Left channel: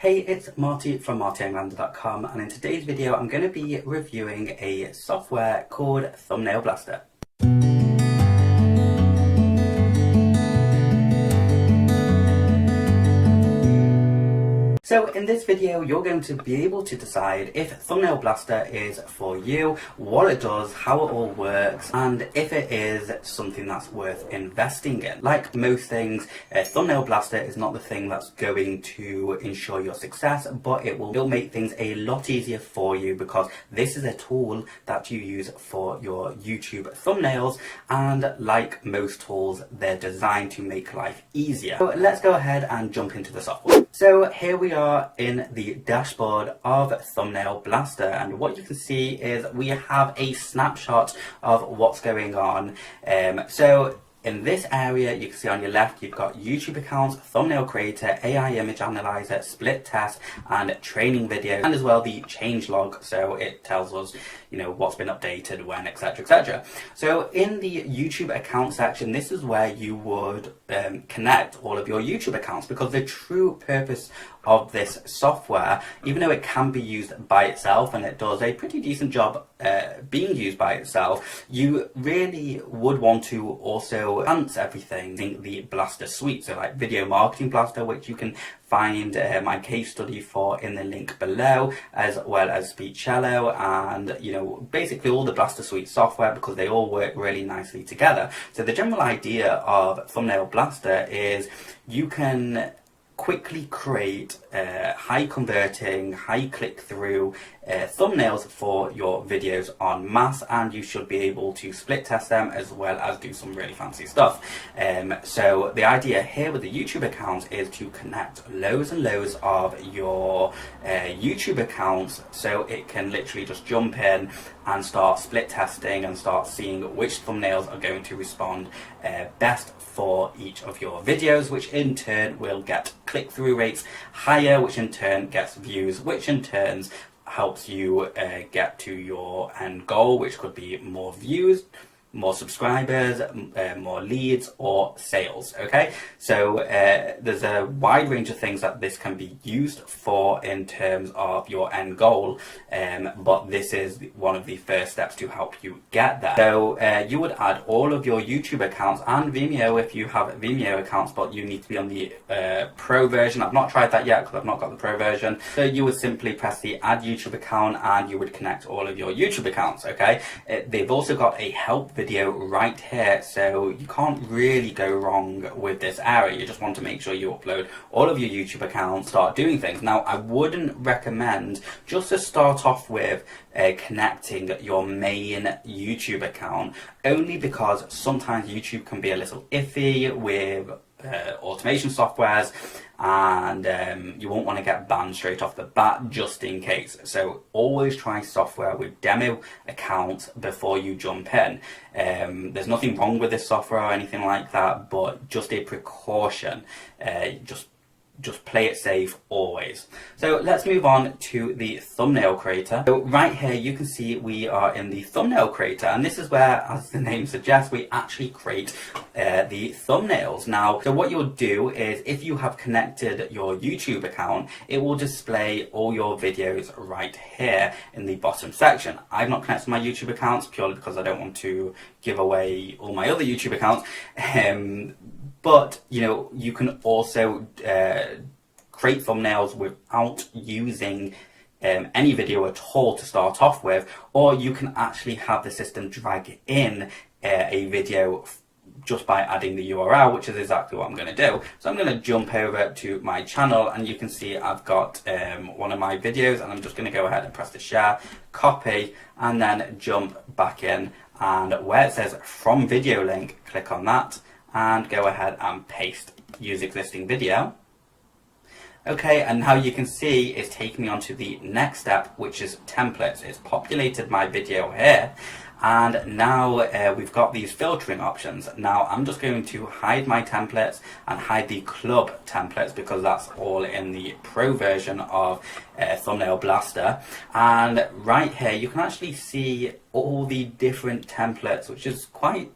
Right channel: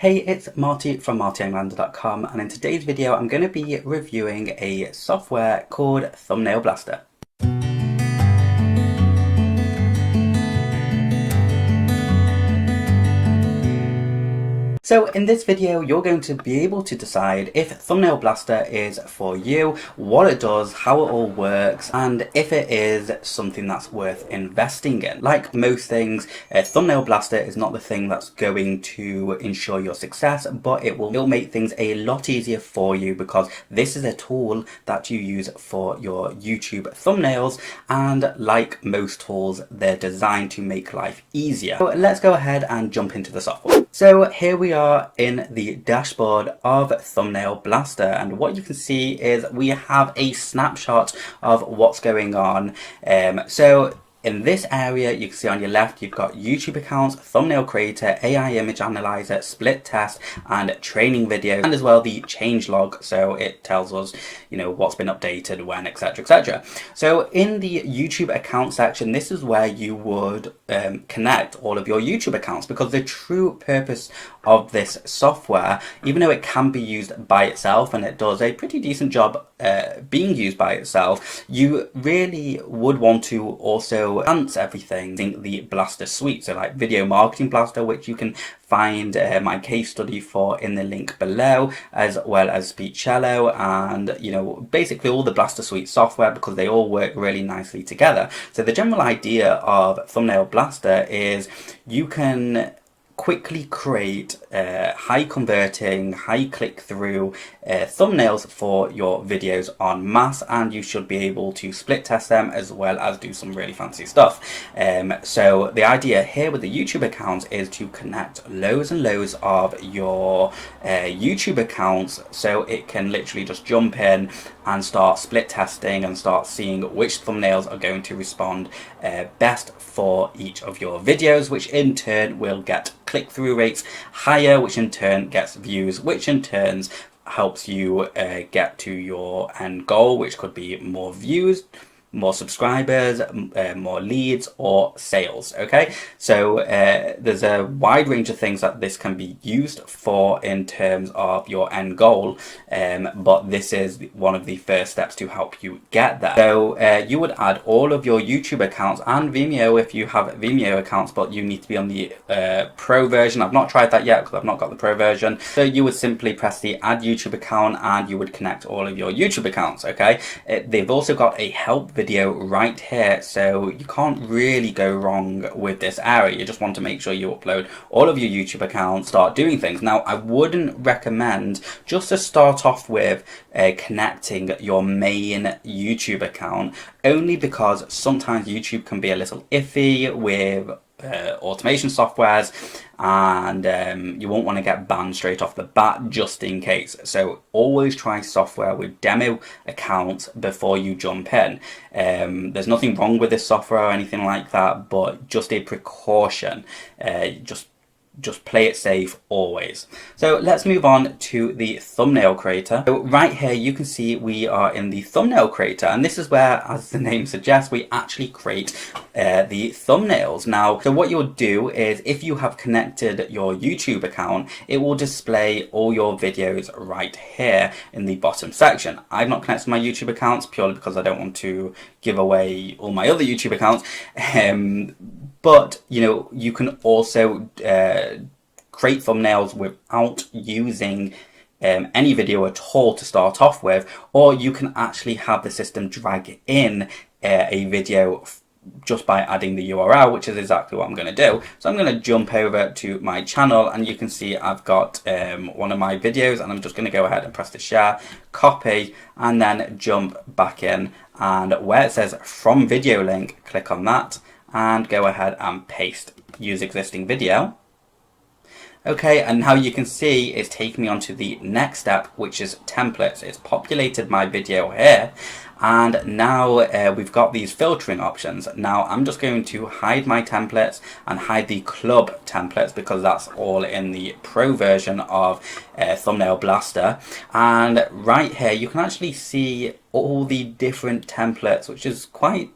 Hey, it's Marty from martyenglander.com, and in today's video I'm going to be reviewing a software called Thumbnail Blaster. So in this video you're going to be able to decide if Thumbnail Blaster is for you, what it does, how it all works, and if it is something that's worth investing in. Like most things, Thumbnail Blaster is not the thing that's going to ensure your success, but it'll make things a lot easier for you because this is a tool that you use for your YouTube thumbnails, and like most tools, they're designed to make life easier. So let's go ahead and jump into the software. So here we are in the dashboard of Thumbnail Blaster, and what you can see is we have a snapshot of what's going on. So in this area, you can see on your left, you've got YouTube accounts, thumbnail creator, AI image analyzer, split test, and training videos, and as well the change log. So it tells us, what's been updated, when, etc., etc. So in the YouTube account section, this is where you would connect all of your YouTube accounts, because the true purpose of this software, even though it can be used by itself, and it does a pretty decent job being used by itself, you really would want to also enhance everything in the Blaster suite. So like Video Marketing Blaster, which you can find my case study for in the link below, as well as Speechcello, and basically all the Blaster suite software, because they all work really nicely together. So the general idea of Thumbnail Blaster is you can quickly create high converting, high click through thumbnails for your videos en masse, and you should be able to split test them as well as do some really fancy stuff. So the idea here with the YouTube accounts is to connect loads and loads of your YouTube accounts, so it can literally just jump in and start split testing and start seeing which thumbnails are going to respond best for each of your videos, which in turn will get click-through rates higher, which in turn gets views, which in turn helps you get to your end goal, which could be more views, more subscribers, more leads, or sales. Okay, so there's a wide range of things that this can be used for in terms of your end goal, but this is one of the first steps to help you get there. So you would add all of your YouTube accounts and Vimeo if you have Vimeo accounts, but you need to be on the pro version. I've not tried that yet because I've not got the pro version. So you would simply press the add YouTube account and you would connect all of your YouTube accounts. Okay, they've also got a help video right here, so you can't really go wrong with this area. You just want to make sure you upload all of your YouTube accounts, start doing things. Now I wouldn't recommend just to start off with connecting your main YouTube account, only because sometimes YouTube can be a little iffy with automation softwares, and you won't want to get banned straight off the bat, just in case. So always try software with demo accounts before you jump in. There's nothing wrong with this software or anything like that, but just a precaution. Just play it safe always. So let's move on to the thumbnail creator. So right here you can see we are in the thumbnail creator, and this is where, as the name suggests, we actually create the thumbnails. Now, so what you'll do is, if you have connected your YouTube account, it will display all your videos right here in the bottom section. I've not connected my YouTube accounts purely because I don't want to give away all my other YouTube accounts. But you can also create thumbnails without using any video at all to start off with, or you can actually have the system drag in a video just by adding the URL, which is exactly what I'm going to do. So I'm going to jump over to my channel, and you can see I've got one of my videos, and I'm just going to go ahead and press the share, copy, and then jump back in, and where it says from video link, click on that and go ahead and paste use existing video. Okay, and now you can see it's taking me on to the next step, which is templates. It's populated my video here, and now we've got these filtering options. Now I'm just going to hide my templates and hide the club templates, because that's all in the pro version of Thumbnail Blaster. And right here you can actually see all the different templates, which is quite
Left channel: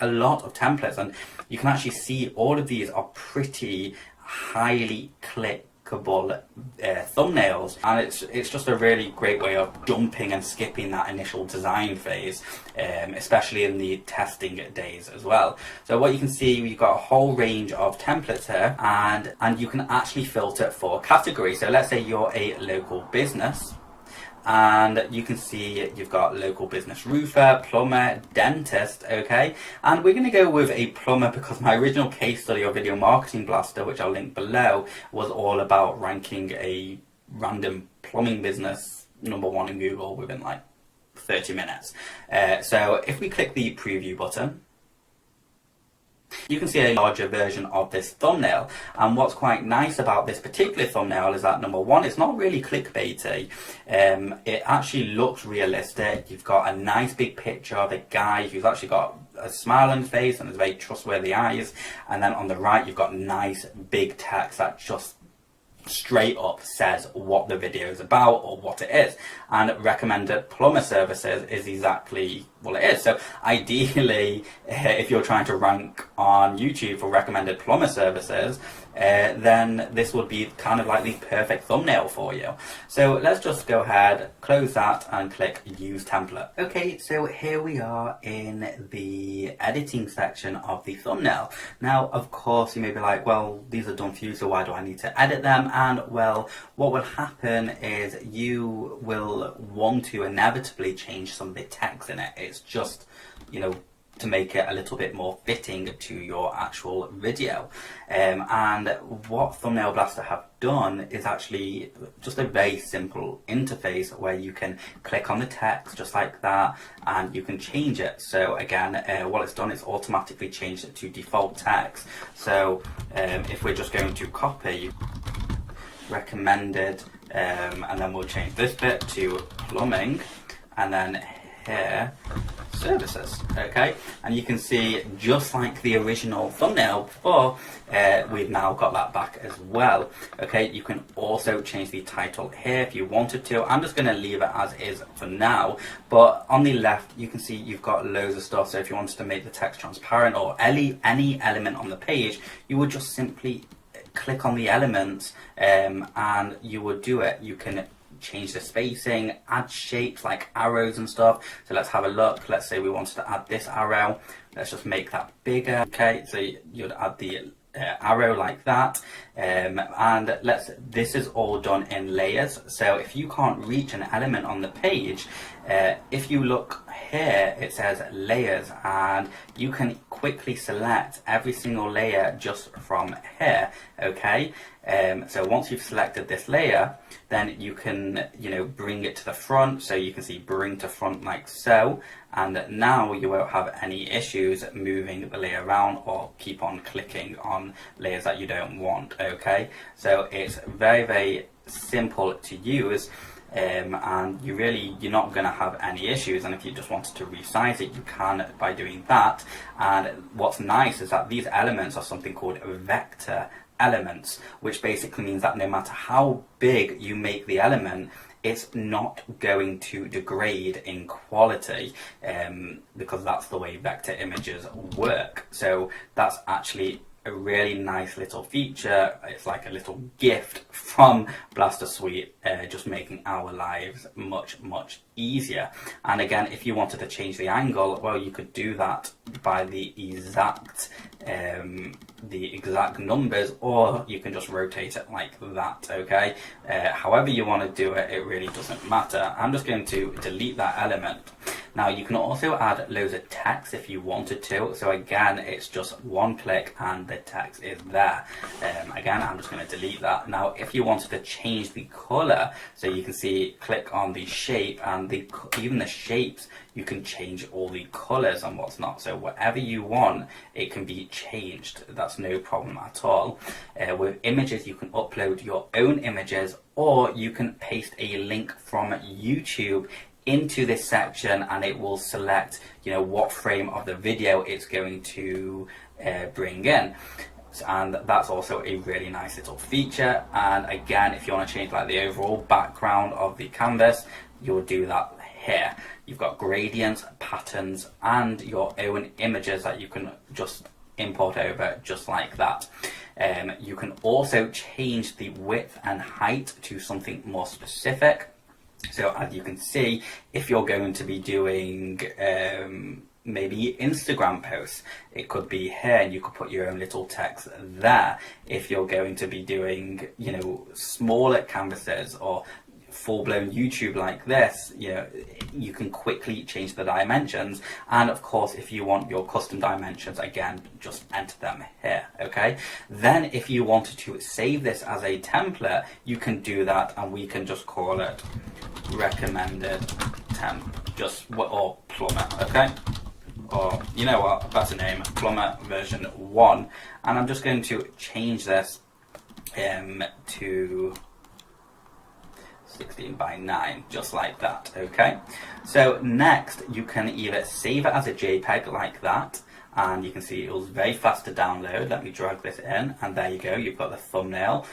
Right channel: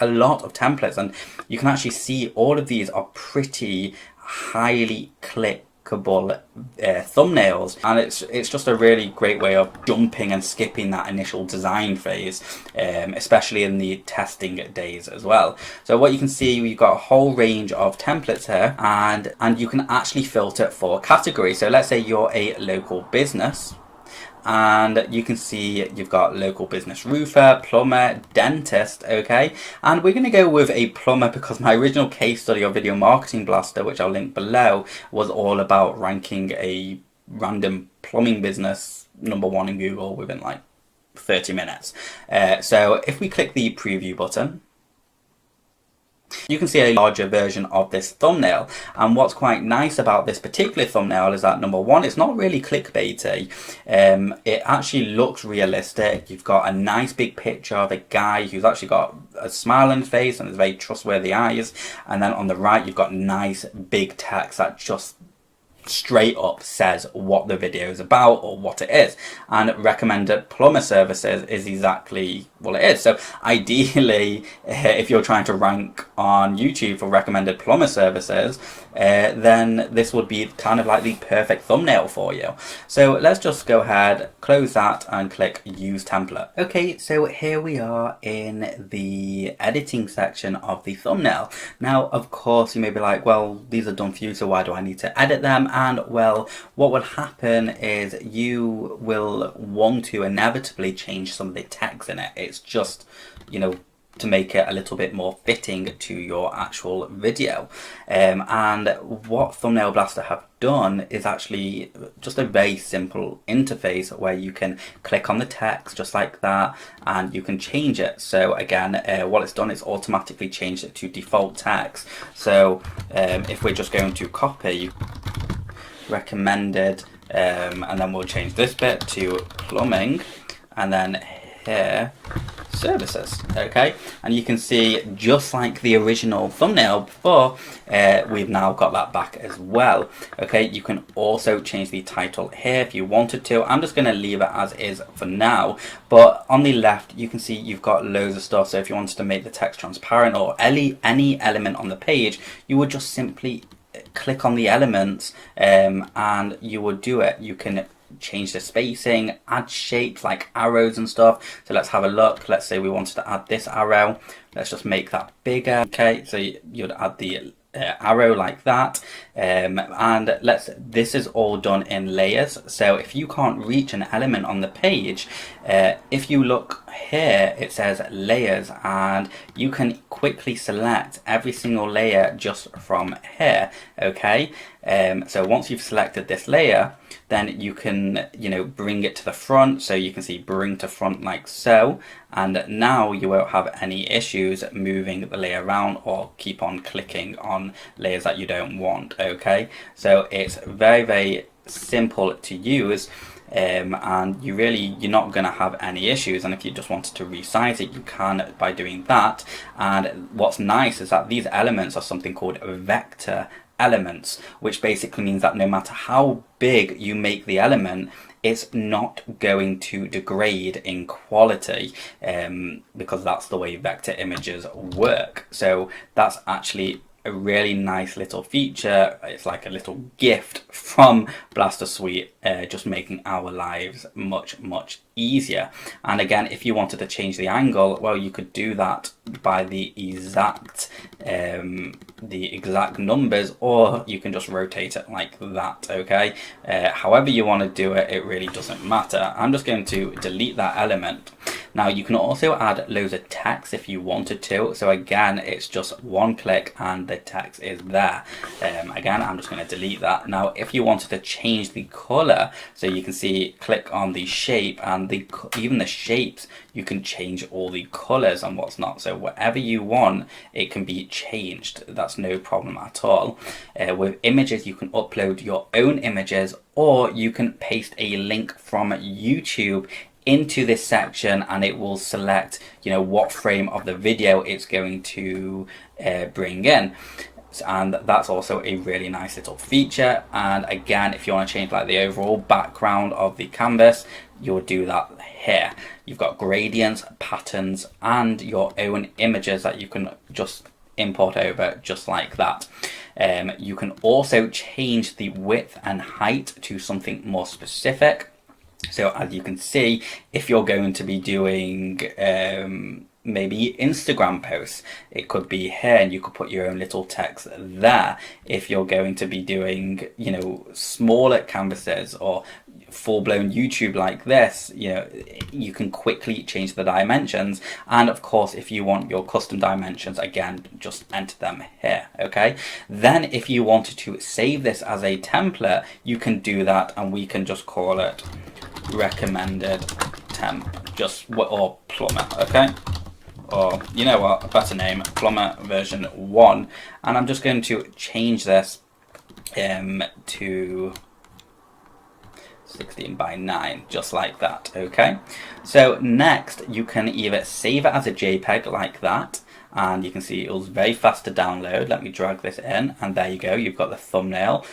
a lot of templates, and you can actually see all of these are pretty highly click clickable thumbnails, and it's just a really great way of jumping and skipping that initial design phase, especially in the testing days as well. So what you can see, we've got a whole range of templates here, and you can actually filter for category. So let's say you're a local business, and you can see you've got local business roofer, plumber, dentist, okay? And we're going to go with a plumber because my original case study of Video Marketing Blaster, which I'll link below, was all about ranking a random plumbing business #1 in Google within like 30 minutes. So if we click the preview button, you can see a larger version of this thumbnail, and what's quite nice about this particular thumbnail is that #1, it's not really clickbaity. It actually looks realistic. You've got a nice big picture of a guy who's actually got a smile on his face and very trustworthy eyes, and then on the right you've got nice big text that just straight up says what the video is about or what it is, and recommended plumber services is exactly what it is. So ideally, if you're trying to rank on YouTube for recommended plumber services, then this would be kind of like the perfect thumbnail for you. So let's just go ahead, close that, and click use template. Okay, so here we are in the editing section of the thumbnail. Now of course you may be like, well, these are done for you, so why do I need to edit them? And well, what will happen is you will want to inevitably change some of the text in it. It's just, you know, to make it a little bit more fitting to your actual video. And what Thumbnail Blaster have done is actually just a very simple interface where you can click on the text just like that, and you can change it. So again, what it's done is automatically changed it to default text. So if we're just going to copy recommended, and then we'll change this bit to plumbing, and then here services, okay? And you can see, just like the original thumbnail before, we've now got that back as well, okay? You can also change the title here if you wanted to. I'm just going to leave it as is for now, but on the left you can see you've got loads of stuff. So if you wanted to make the text transparent or any element on the page, you would just simply click on the elements, and you would do it. You can change the spacing, add shapes like arrows and stuff. So let's have a look. Let's say we wanted to add this arrow. Let's just make that bigger. Okay, so you'd add the arrow like that, and this is all done in layers. So if you can't reach an element on the page, if you look here, it says layers, and you can quickly select every single layer just from here, okay? So once you've selected this layer, then you can, you know, bring it to the front. So you can see bring to front like so, and now you won't have any issues moving the layer around or keep on clicking on layers that you don't want, okay? So it's very, very simple to use. And you're not going to have any issues, and if you just wanted to resize it, you can by doing that. And what's nice is that these elements are something called vector elements, which basically means that no matter how big you make the element, it's not going to degrade in quality, because that's the way vector images work. So that's actually a really nice little feature. It's like a little gift from Blaster Suite, just making our lives much, much easier. And again, if you wanted to change the angle, well, you could do that by the exact numbers, or you can just rotate it like that, okay? However you want to do it, it really doesn't matter. I'm just going to delete that element. Now you can also add loads of text if you wanted to. So again, it's just one click and the text is there. Again, I'm just going to delete that. Now if you wanted to change the color, so you can see, click on the shape, and even the shapes, you can change all the colors and what's not. So whatever you want, it can be changed. That's no problem at all. With images, you can upload your own images, or you can paste a link from YouTube into this section, and it will select, you know, what frame of the video it's going to bring in. And that's also a really nice little feature. And again, if you want to change like the overall background of the canvas, you'll do that here. You've got gradients, patterns, and your own images that you can just import over just like that. You can also change the width and height to something more specific. So as you can see, if you're going to be doing maybe Instagram posts, it could be here, and you could put your own little text there. If you're going to be doing, you know, smaller canvases or full-blown YouTube like this, you know, you can quickly change the dimensions. And of course, if you want your custom dimensions, again, just enter them here. Okay, then if you wanted to save this as a template, you can do that, and we can just call it recommended temp, just what, or plumber. Okay, or you know what, a better name, plumber version 1. And I'm just going to change this to 16 by 9, just like that. Okay, so next you can either save it as a JPEG like that, and you can see it was very fast to download. Let me drag this in, and there you go, you've got the thumbnail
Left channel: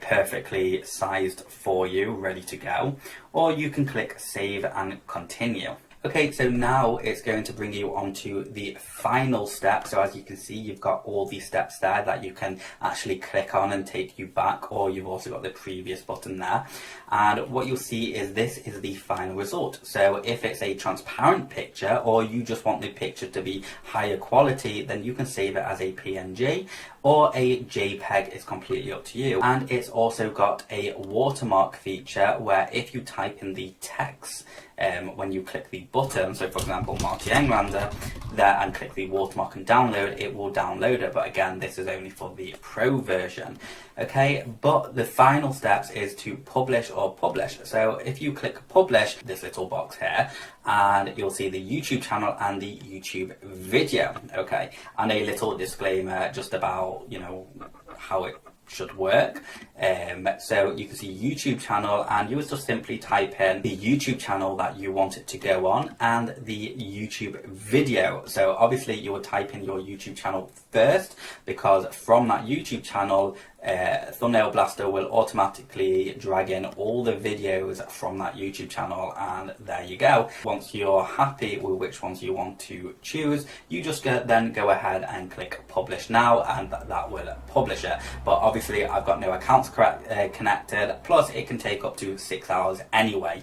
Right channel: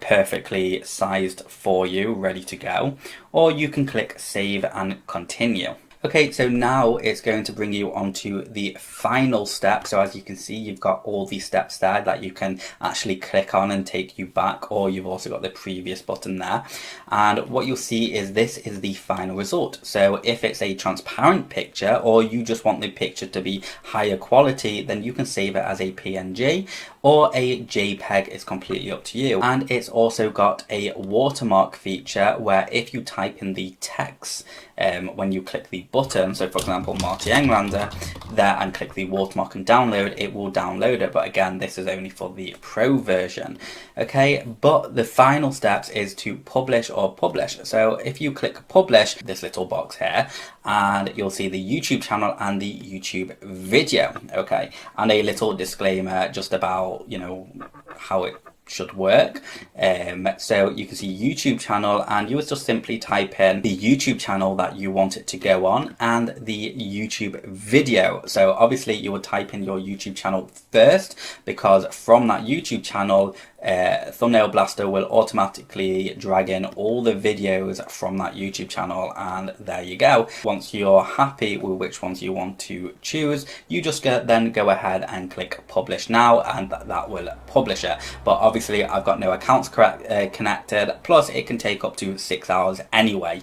perfectly sized for you, ready to go. Or you can click save and continue. Okay, so now it's going to bring you onto the final step. So as you can see, you've got all these steps there that you can actually click on and take you back, or you've also got the previous button there. And what you'll see is this is the final result. So if it's a transparent picture, or you just want the picture to be higher quality, then you can save it as a PNG or a JPEG. It's completely up to you. And it's also got a watermark feature where if you type in the text when you click the button, so for example Marty Englander there, and click the watermark and download, it will download it. But again, this is only for the pro version. Okay, but the final steps is to publish or publish. So if you click publish, this little box here, and you'll see the YouTube channel and the YouTube video. Okay, and a little disclaimer just about, you know, how it should work. So you can see YouTube channel, and you would just simply type in the YouTube channel that you want it to go on and the YouTube video. So obviously you would type in your YouTube channel first, because from that YouTube channel, Thumbnail Blaster will automatically drag in all the videos from that YouTube channel, and there you go. Once you're happy with which ones you want to choose, you just then go ahead and click publish now, and that will publish it. But obviously I've got no accounts connected, plus it can take up to 6 hours anyway.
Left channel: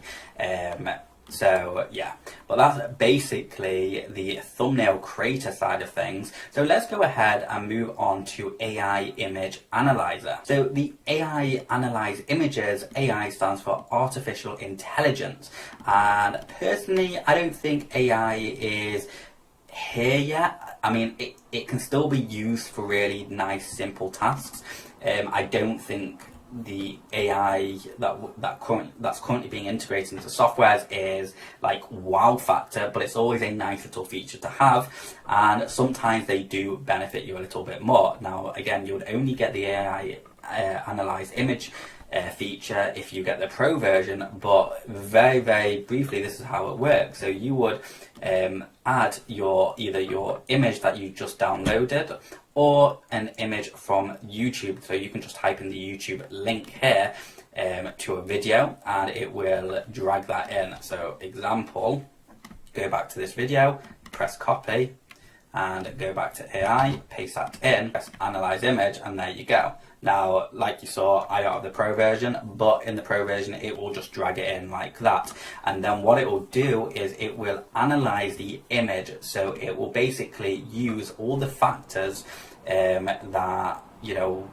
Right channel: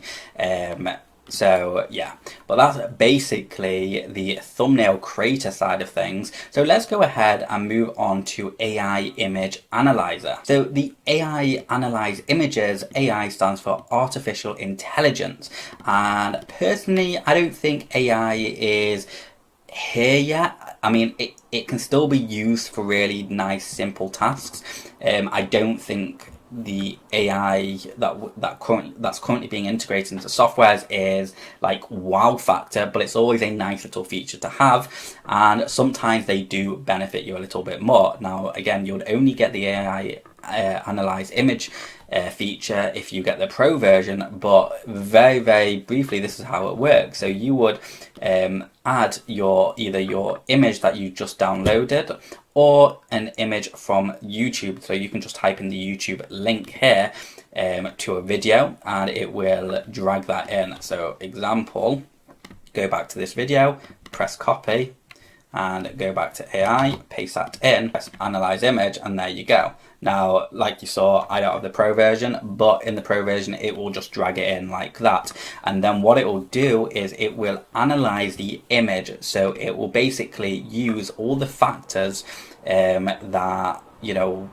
So yeah, but that's basically the thumbnail creator side of things. So let's go ahead and move on to AI Image Analyzer. So the AI Analyze Images, AI stands for Artificial Intelligence. And personally, I don't think AI is here yet. I mean, it can still be used for really nice, simple tasks. I don't think the AI that's currently being integrated into softwares is like wow factor, but it's always a nice little feature to have, and sometimes they do benefit you a little bit more. Now again, you would only get the AI Analyze Image feature if you get the pro version, but very briefly, this is how it works. So you would add either your image that you just downloaded or an image from YouTube. So you can just type in the YouTube link here to a video, and it will drag that in. So example, go back to this video, press copy, and go back to AI, paste that in, press analyze image, and there you go. Now, like you saw, I don't have the pro version, but in the pro version, it will just drag it in like that. And then what it will do is it will analyze the image. So it will basically use all the factors that, you know,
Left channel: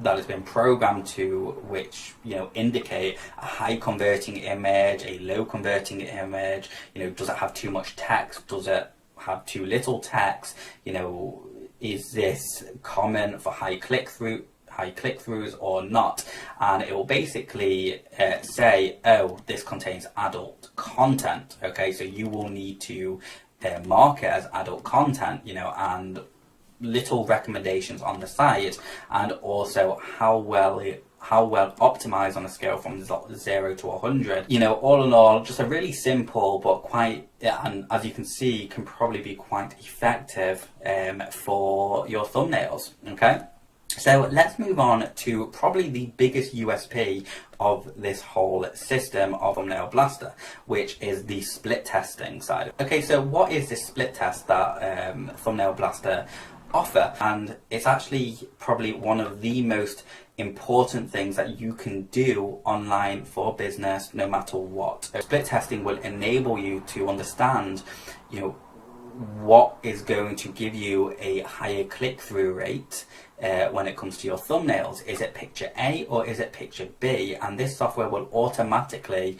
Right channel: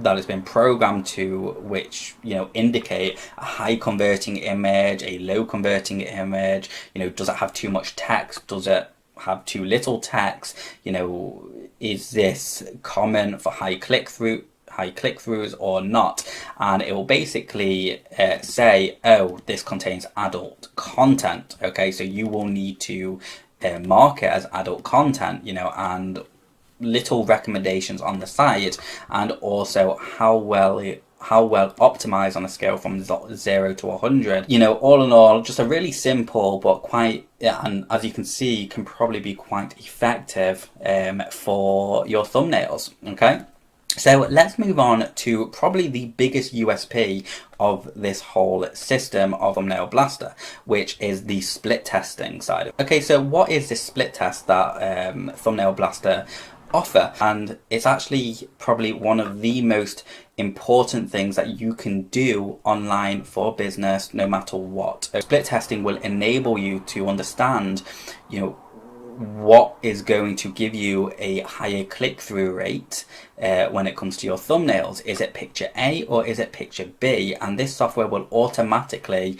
that has been programmed to, which, you know, indicate a high converting image, a low converting image. You know, does it have too much text? Does it have too little text? You know, is this common for high click-throughs or not? And it will basically say, oh, this contains adult content. Okay, so you will need to mark it as adult content, you know, and little recommendations on the side, and also how well optimized on a scale from 0 to 100. You know, all in all, just a really simple but quite, and as you can see, can probably be quite effective for your thumbnails. Okay, so let's move on to probably the biggest USP of this whole system of Thumbnail Blaster, which is the split testing side. Okay, so what is this split test that Thumbnail Blaster offer, and it's actually probably one of the most important things that you can do online for business, no matter what. So split testing will enable you to understand, what is going to give you a higher click-through rate when it comes to your thumbnails. Is it picture A or is it picture B? And this software will automatically,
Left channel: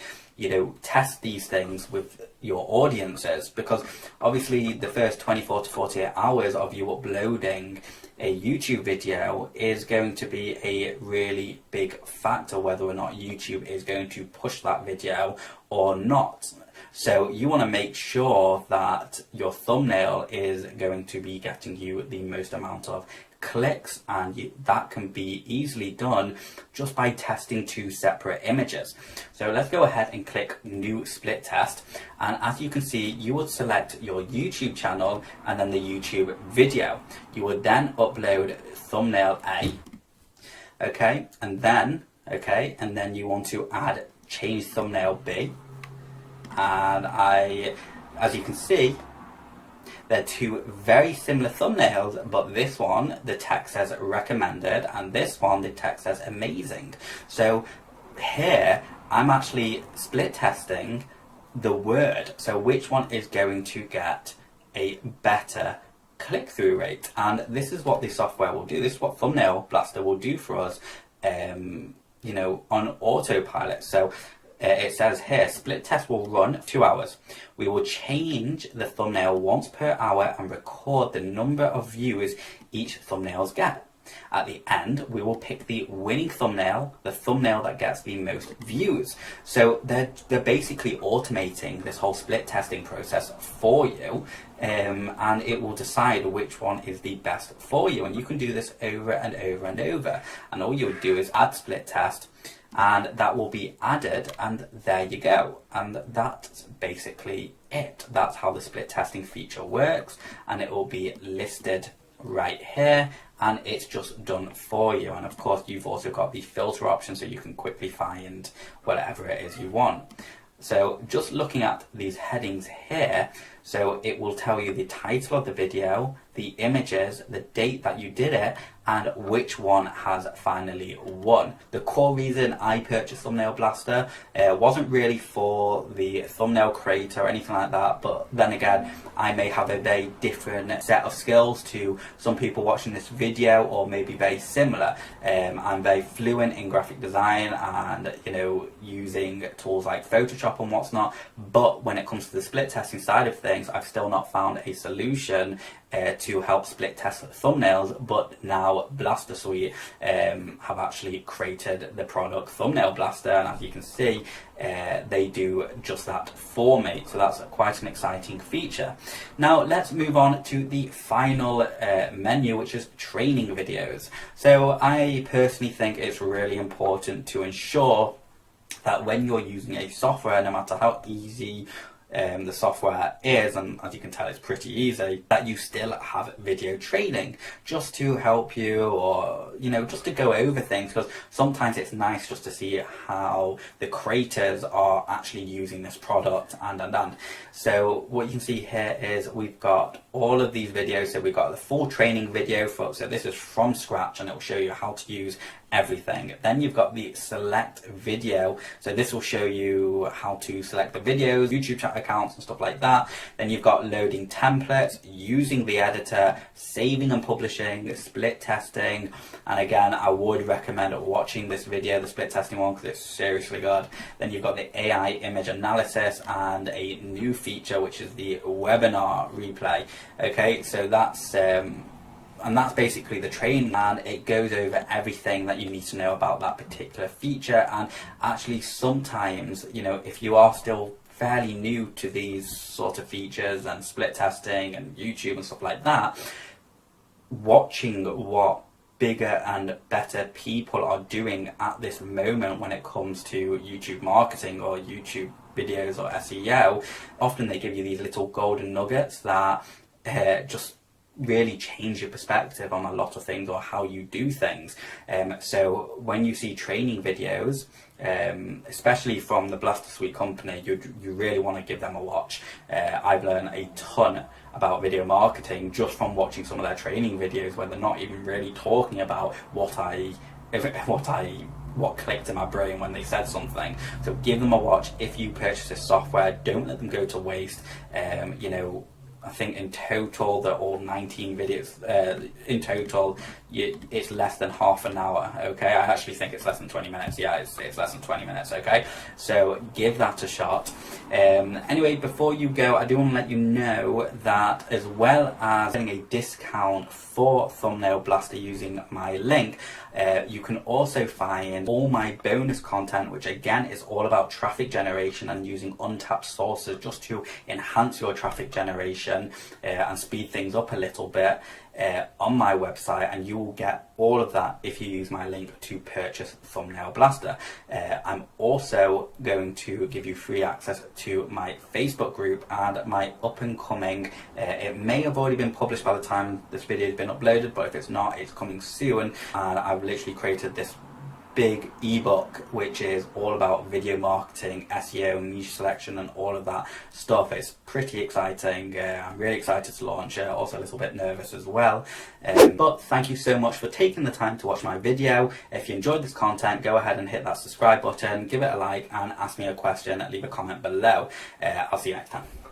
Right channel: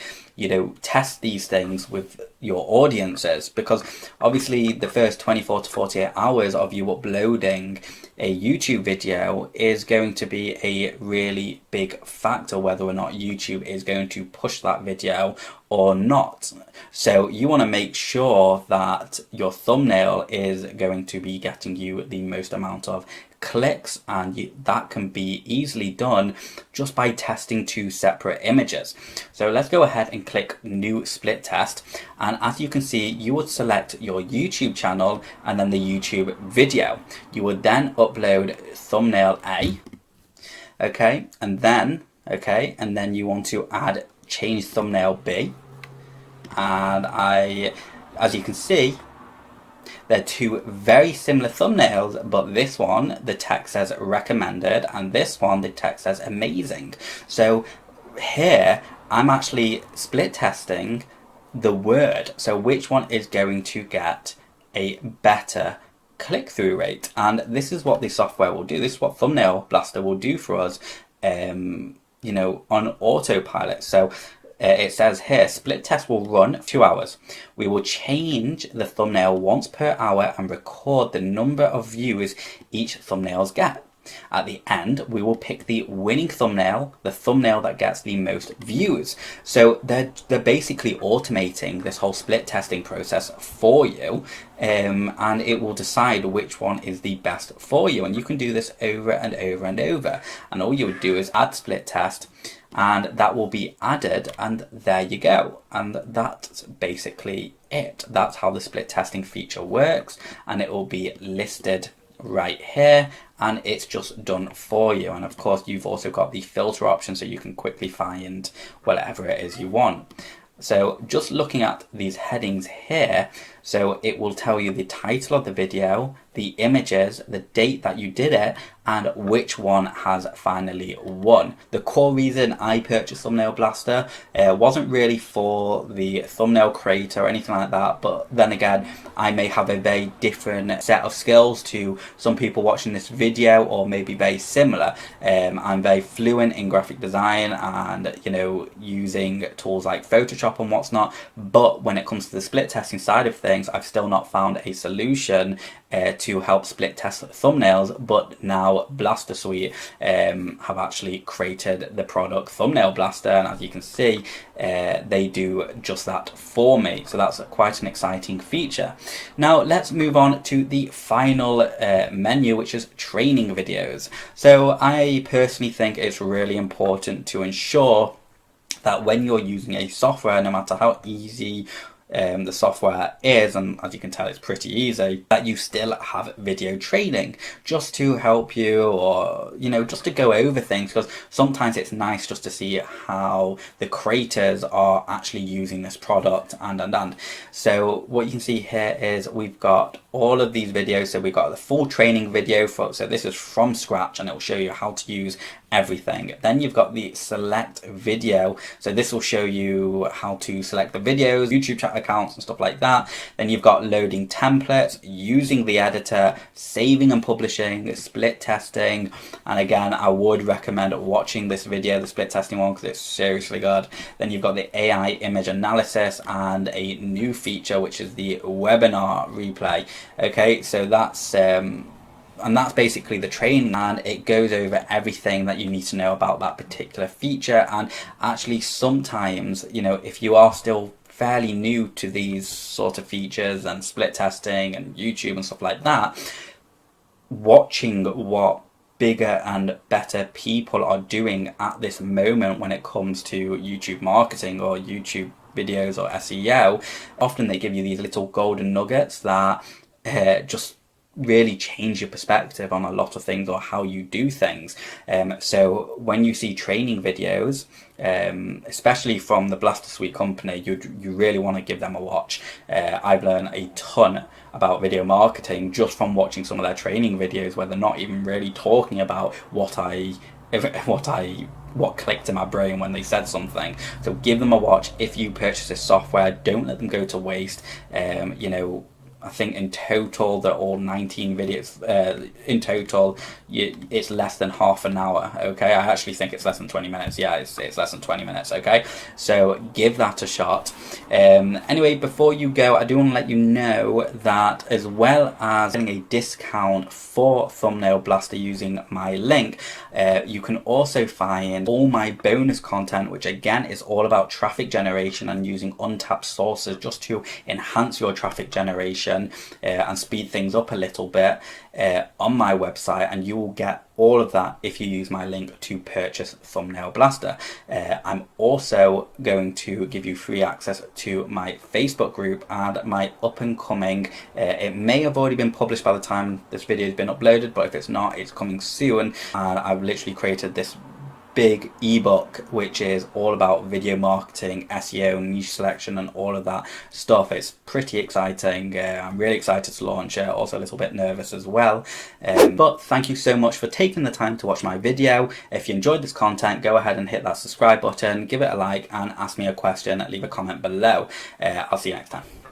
test these things with your audiences, because obviously the first 24 to 48 hours of you uploading a YouTube video is going to be a really big factor whether or not YouTube is going to push that video or not. So you want to make sure that your thumbnail is going to be getting you the most amount of clicks, and that can be easily done just by testing two separate images. So let's go ahead and click new split test, and as you can see, you would select your YouTube channel and then the YouTube video. You would then upload thumbnail A, and then you want to add change thumbnail B, and as you can see, they're two very similar thumbnails, but this one, the text says recommended, and this one, the text says amazing. So here, I'm actually split testing the word. So which one is going to get a better click-through rate? And this is what the software will do. This is what Thumbnail Blaster will do for us, on autopilot. So it says here, split test will run 2 hours. We will change the thumbnail once per hour and record the number of views each thumbnails get. At the end, we will pick the winning thumbnail, the thumbnail that gets the most views. So they're basically automating this whole split testing process for you, and it will decide which one is the best for you. And you can do this over and over and over. And all you would do is add split test, and that will be added, and there you go. And that's basically it. That's how the split testing feature works, and it will be listed right here, and it's just done for you. And of course, you've also got the filter option, so you can quickly find whatever it is you want. So just looking at these headings here, so it will tell you the title of the video, the images, the date that you did it, and which one has finally won. The core reason I purchased Thumbnail Blaster wasn't really for the thumbnail creator or anything like that, but then again, I may have a very different set of skills to some people watching this video, or maybe very similar. I'm very fluent in graphic design and using tools like Photoshop and what's not, but when it comes to the split testing side of things, I've still not found a solution to help split test thumbnails. But now Blaster Suite have actually created the product Thumbnail Blaster, and as you can see, they do just that for me. So that's quite an exciting feature. Now let's move on to the final menu, which is training videos. So I personally think it's really important to ensure that when you're using a software, no matter how easy the software is, and as you can tell it's pretty easy, that you still have video training just to help you, or just to go over things, because sometimes it's nice just to see how the creators are actually using this product. And so what you can see here is we've got all of these videos. So we've got the full training video so this is from scratch, and it will show you how to use everything. Then you've got the select video, so this will show you how to select the videos, YouTube channel accounts and stuff like that. Then you've got loading templates, using the editor, saving and publishing, split testing, and again I would recommend watching this video, the split testing one, because it's seriously good. Then you've got the AI image analysis and a new feature which is the webinar replay. Okay, so that's and that's basically the training, and it goes over everything that you need to know about that particular feature. And actually sometimes, if you are still fairly new to these sort of features and split testing and YouTube and stuff like that, watching what bigger and better people are doing at this moment when it comes to YouTube marketing or YouTube videos or SEO, often they give you these little golden nuggets that just really change your perspective on a lot of things or how you do things. So when you see training videos, especially from the Blaster Suite company, you really want to give them a watch. I've learned a ton about video marketing just from watching some of their training videos where they're not even really talking about what clicked in my brain when they said something. So give them a watch. If you purchase this software, don't let them go to waste. You know, I think in total they're all 19 videos. In total, it's less than half an hour. Okay, I actually think it's less than 20 minutes. Yeah, it's less than 20 minutes. Okay, so give that a shot. Anyway, before you go, I do want to let you know that as well as getting a discount for Thumbnail Blaster using my link, you can also find all my bonus content, which again is all about traffic generation and using untapped sources just to enhance your traffic generation and speed things up a little bit on my website, and you will get all of that if you use my link to purchase Thumbnail Blaster. I'm also going to give you free access to my Facebook group and my up and coming, it may have already been published by the time this video has been uploaded, but if it's not, it's coming soon. And I've literally created this big ebook which is all about video marketing, SEO, niche selection and all of that stuff. It's pretty exciting. I'm really excited to launch it, also a little bit nervous as well, but thank you so much for taking the time to watch my video. If you enjoyed this content, go ahead and hit that subscribe button, give it a like and ask me a question, leave a comment below. I'll see you next time.